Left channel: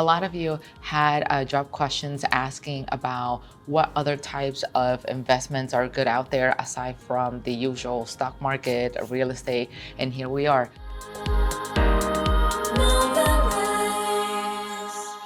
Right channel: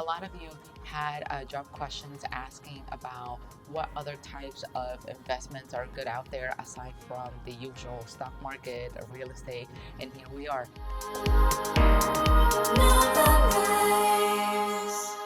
A lot of you had dropped questions asking about what other types of investments are good out there aside from the usual stock market, real estate, and here we are.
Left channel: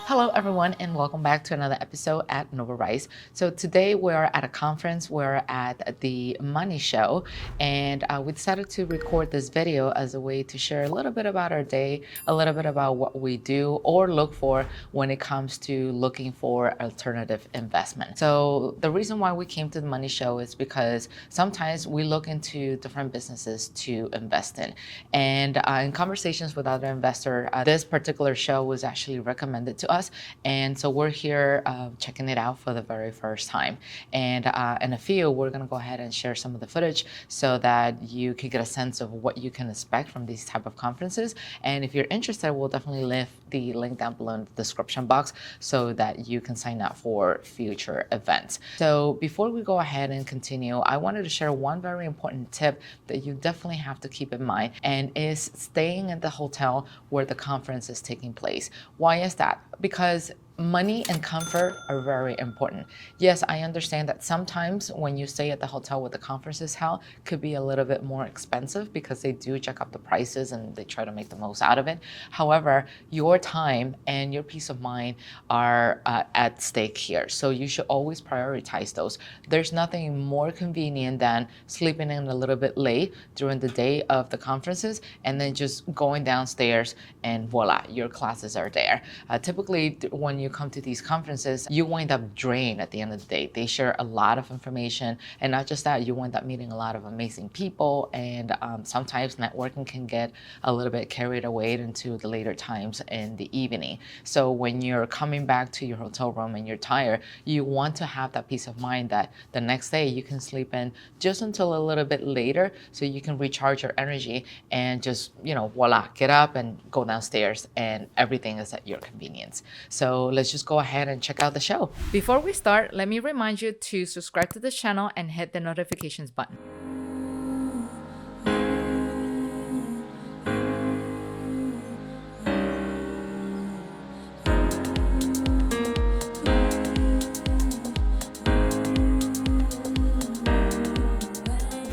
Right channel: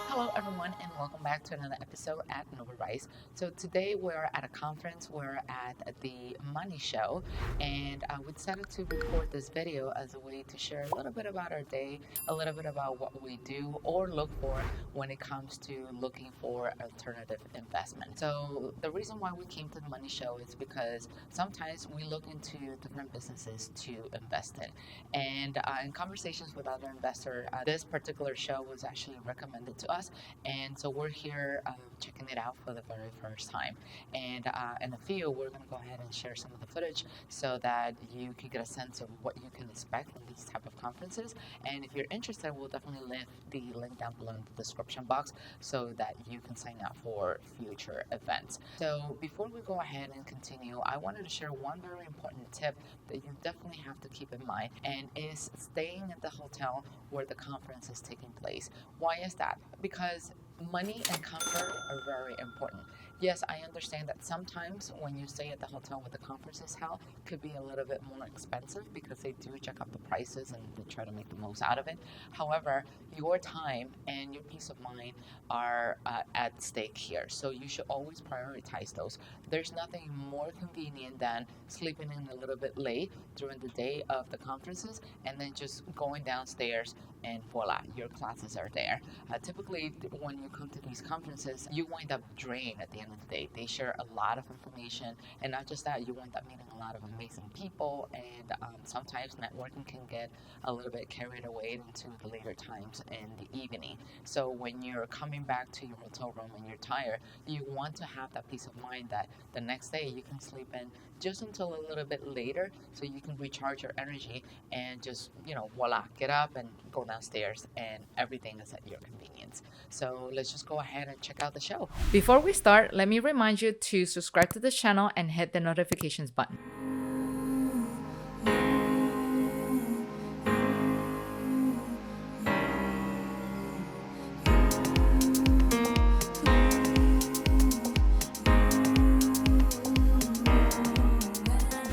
Hello everyone, and welcome back to another episode at NOVARISE. So today we're at a conference, we're at the Money Show, and we decided to record this video as a way to share a little bit about our day, a little bit about what we do or look for when it comes to looking for alternative investment. So the reason why we came to the Money Show is because sometimes we look into different businesses to invest in. And in conversations with other investors, this particular show was actually recommended to us. And so we're here checking it out for the very first time. And in a few, we're gonna go ahead and share some of the footage so that you can get a sense of what you can expect from these type of conferences. And if you're interested, we'll definitely leave the link down below in the description box so that you can sign up for future events. So before we go ahead and continue, I wanted to share one very important tip that you definitely have to keep in mind, and is staying at the hotel where the conference is taking place. Why is that? Because money and comfort are very important. Yes, I understand that sometimes when you stay at the hotel where the conference is held, could be a little bit more expensive because they do jack up the prices and they try to make the most out of it. However, your time and your peace of mind are at stake here. So you should always prioritize those. There's nothing more convenient than sleeping in a little bit late during the day of the conferences and then just going downstairs and voila, your classes are there. Typically, when you come to these conferences, you wind up drained at the end of the day. They share a lot of information, and not just that, you wind up meeting a lot of amazing people, and sometimes networking can get a little bit carried away into the later times in the evening. So when you're coming back to your hotel room and you're tired, you want to have that peace of mind that the next day you can sleep in just until a little bit later so you can recharge your energy and just, voila, get up and go downstairs and everything is at your convenience. So let's just go ahead and check out the show. Before we start, let me remind you to subscribe to the channel and hit the notifications button.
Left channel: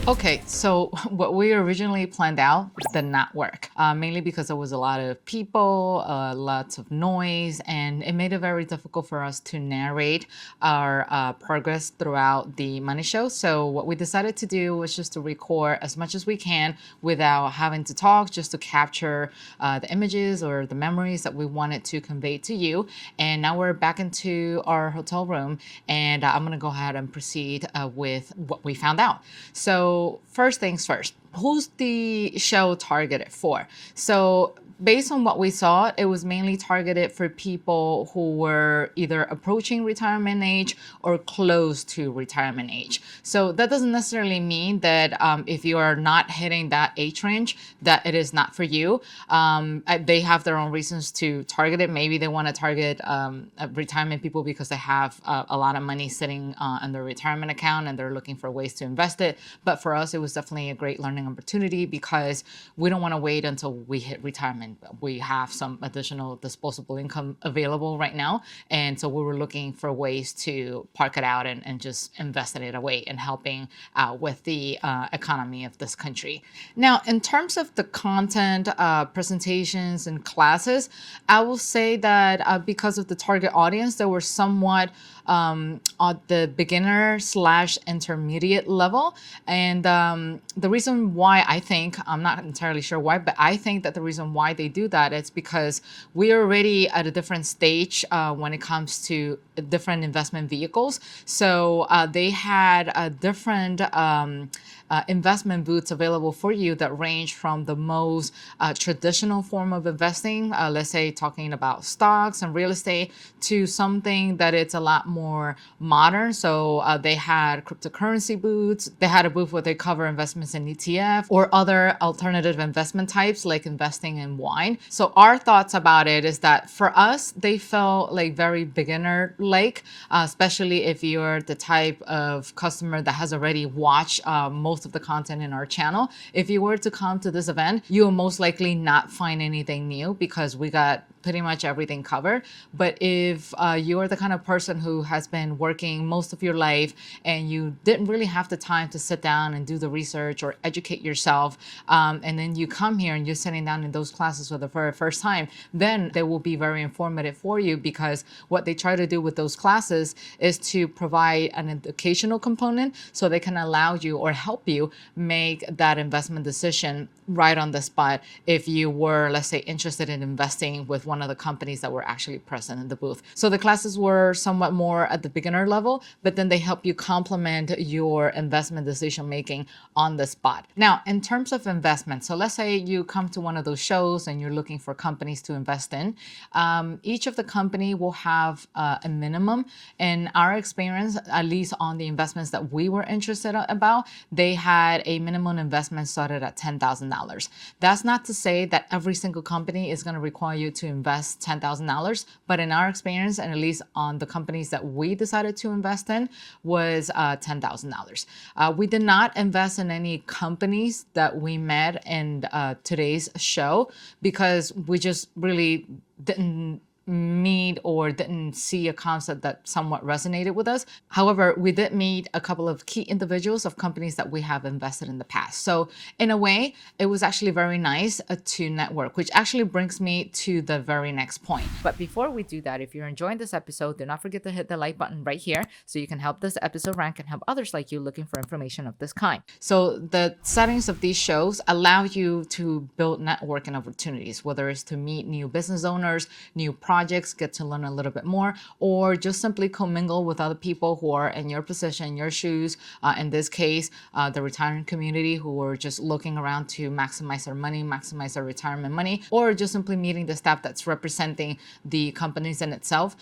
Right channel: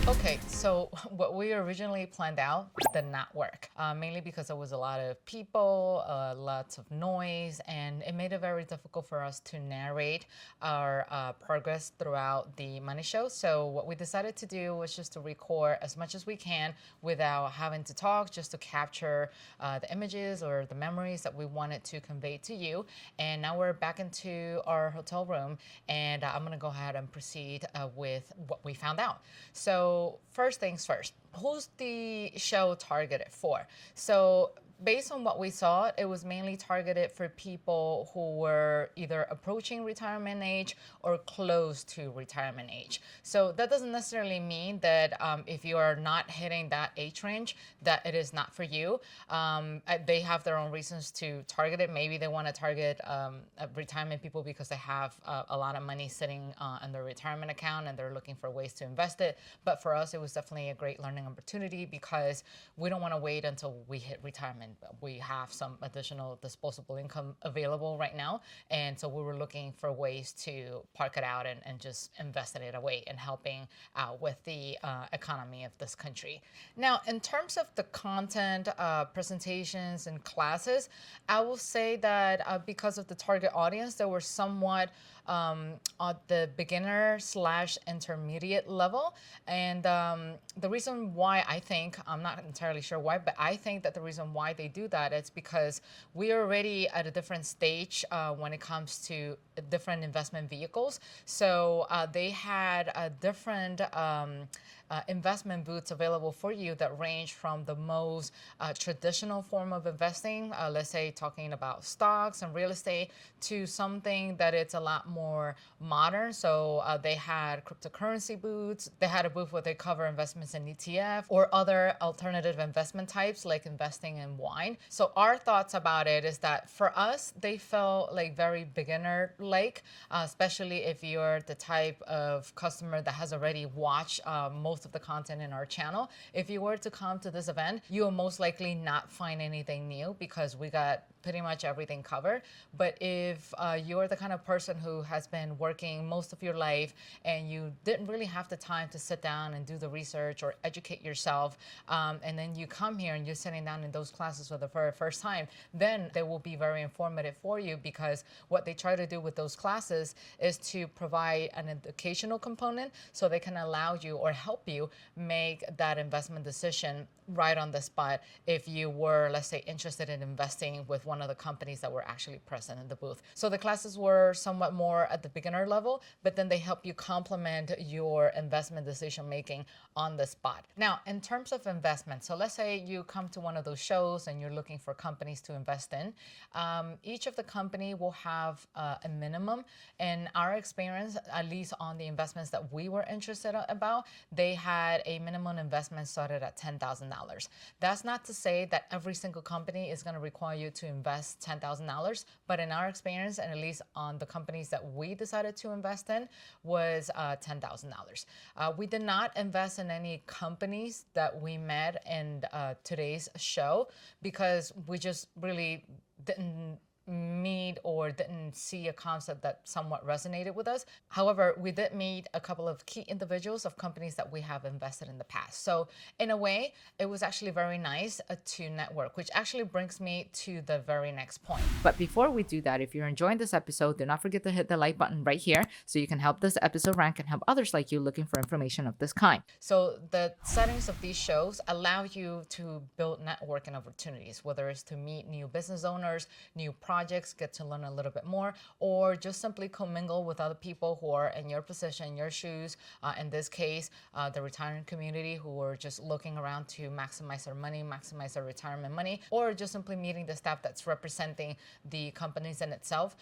Okay, so what we originally planned out did not work, mainly because there was a lot of people, lots of noise, and it made it very difficult for us to narrate our progress throughout the Money Show. So what we decided to do was just to record as much as we can without having to talk, just to capture the images or the memories that we wanted to convey to you. And now we're back into our hotel room, and I'm gonna go ahead and proceed with what we found out. So first things first, who's the show targeted for? So based on what we saw, it was mainly targeted for people who were either approaching retirement age or close to retirement age. So that doesn't necessarily mean that if you are not hitting that age range, that it is not for you. They have their own reasons to target it. Maybe they want to target retirement people because they have a lot of money sitting in their retirement account and they're looking for ways to invest it. But for us, it was definitely a great learning opportunity because we don't want to wait until we hit retirement. We have some additional disposable income available right now. And so we were looking for ways to park it out and just invest it away and helping out with the economy of this country. Now, in terms of the content, presentations and classes, I will say that because of the target audience, they were somewhat at the beginner / intermediate level. And the reason why I think, I'm not entirely sure why, but I think that the reason why they do that is because we are already at a different stage when it comes to different investment vehicles. So they had a different investment booths available for you that range from the most traditional form of investing, let's say talking about stocks and real estate, to something that it's a lot more modern. So they had cryptocurrency booths. They had a booth where they cover investments in ETF or other alternative investment types like investing in wine. So our thoughts about it is that for us, they felt like very beginner-like, especially if you're the type of customer that has already watched most of the content in our channel. If you were to come to this event, you will most likely not find anything new because we got pretty much everything covered. But if you're the kind of person who has been working most of your life and you didn't really have the time to sit down and do the research or educate yourself, and then you come here and you're sitting down in those classes for the very first time, then they will be very informative for you, because what they try to do with those classes is to provide an educational component so they can allow you or help you make that investment decision right on the spot if you were, let's say, interested in investing with one of the companies that were actually present in the booth. So the classes were somewhat more at the beginner level, but then they help you complement your investment decision making on the spot. Now, in terms of investment, so let's say you come to one of those shows and you're looking for companies to invest in. Each of the company will have a minimum. In our experience, at least on the investments that we were interested about, they had a minimum investment started at $10,000. That's not to say that every single company is going to require you to invest $10,000, but in our experience, and at least on the companies that we decided to invest in, was $10,000. We did not invest in any companies that we met in today's show, because we just really didn't meet or didn't see a concept that somewhat resonated with us. However, we did meet a couple of key individuals of companies that we have invested in the past. So in a way, it was actually very nice to network, which actually brings me to the very next point. But before we do that, if you're enjoying this episode, do not forget to hit the like button right here so you can help this episode rank and help others like you looking for information of this kind. So the settings of these shows allow you to build networking opportunities, whether it's to meet new business owners, new projects, get to learn a little bit more, or just simply commingle with other people who are in your position, your shoes. In this case, the retirement community, who are just looking around to maximize their money, maximize their retirement money, or just simply meeting the staff that's representing the companies in itself,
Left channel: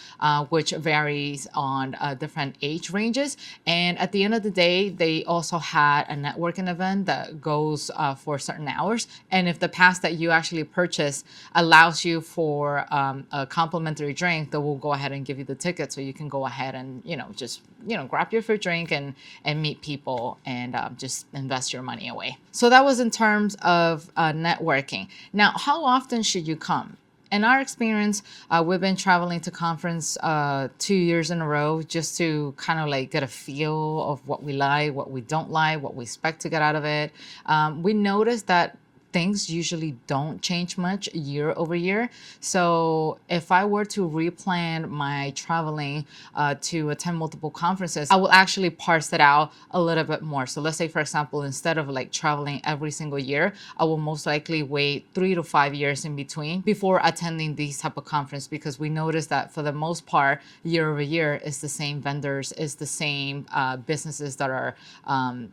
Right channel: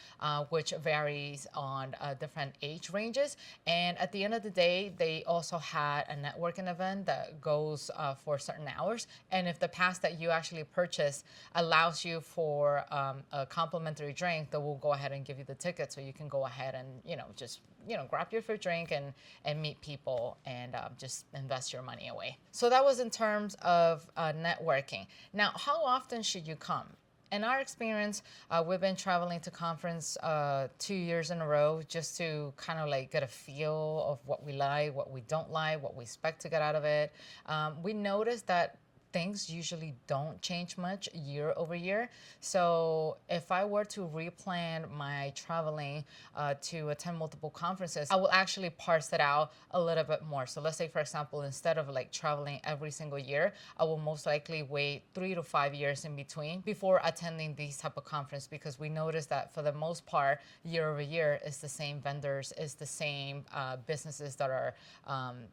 which varies on different age ranges. And at the end of the day, they also had a networking event that goes for certain hours. And if the pass that you actually purchase allows you for a complimentary drink, that will go ahead and give you the ticket, so you can go ahead and just grab your free drink and meet people and just invest your money away. So that was in terms of networking. Now, how often should you come? In our experience, we've been traveling to conference 2 years in a row, just to kind of like get a feel of what we like, what we don't like, what we expect to get out of it. We noticed that things usually don't change much year over year. So if I were to replan my traveling to attend multiple conferences, I will actually parse it out a little bit more. So let's say, for example, instead of like traveling every single year, I will most likely wait 3 to 5 years in between before attending these type of conference, because we notice that for the most part, year over year, it's the same vendors, it's the same businesses that are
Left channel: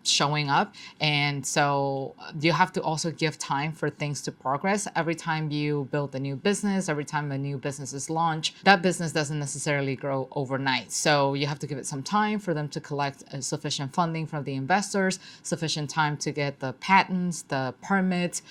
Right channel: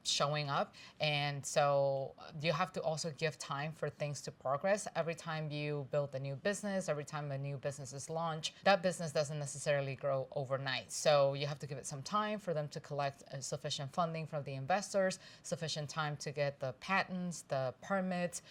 showing up. And so you have to also give time for things to progress. Every time you build a new business, every time a new business is launched, that business doesn't necessarily grow overnight. So you have to give it some time for them to collect sufficient funding from the investors, sufficient time to get the patents, the permits,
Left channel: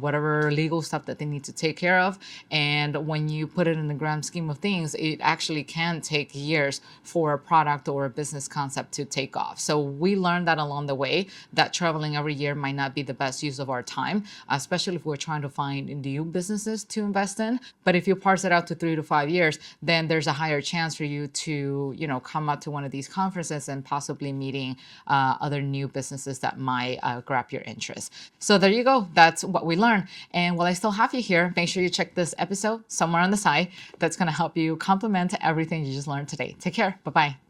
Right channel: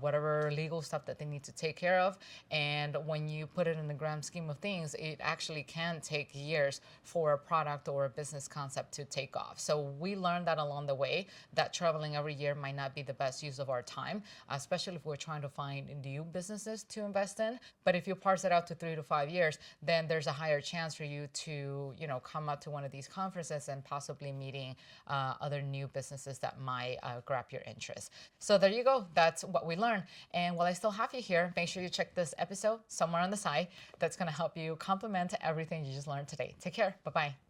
whatever legal stuff that they need to take care of. And when you put it in the grand scheme of things, it actually can take years for a product or a business concept to take off. So we learned that along the way, that traveling every year might not be the best use of our time, especially if we're trying to find new businesses to invest in. But if you parse it out to 3 to 5 years, then there's a higher chance for you to, come out to one of these conferences and possibly meeting other new businesses that might grab your interest. So there you go. That's what we learned. And while I still have you here, make sure you check this episode somewhere on the side. That's going to help you complement everything you just learned today. Take care. Bye-bye.